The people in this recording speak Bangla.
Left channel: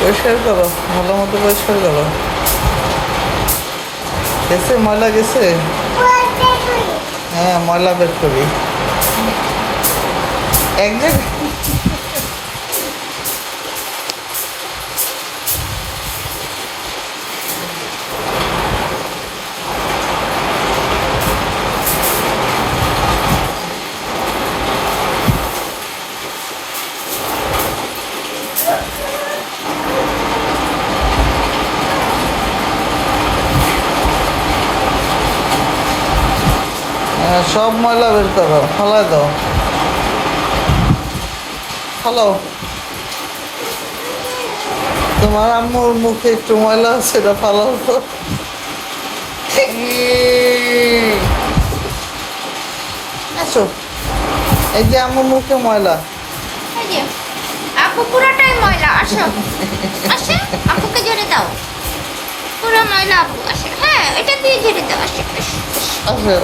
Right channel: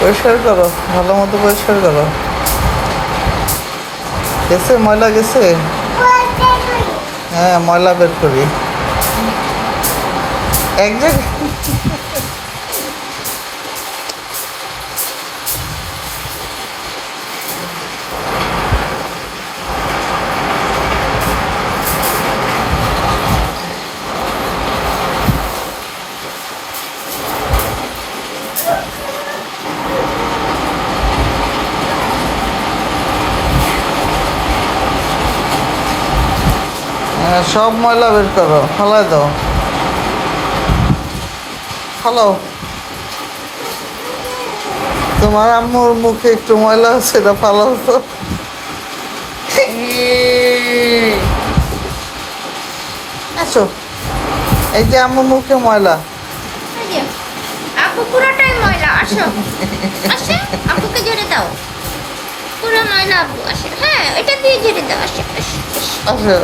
পরিষ্কার করো, ভালো মতো পরিষ্কার করো। গেছে ময়লা গেছে? হ্যাঁ, ময়লা বের করি এক জায়গায়। হ্যাঁ, সব ময়লা বের করো, ফালাই দাও, ফালাও। তোমার আম্মুর মুখে একটু ময়লা আছে, এটা ফালাও তো। আসো, এই যে আম্মুর মুখে ময়লা। এই যে আপু পুরোটাই ময়লা। আসো আসো, আপুকে ঝেড়ে দাও। পুরো ময়লা আপু আসে। হ্যাঁ, এটা দিয়ে ঝেড়ে দাও। আসো আসো। আসো।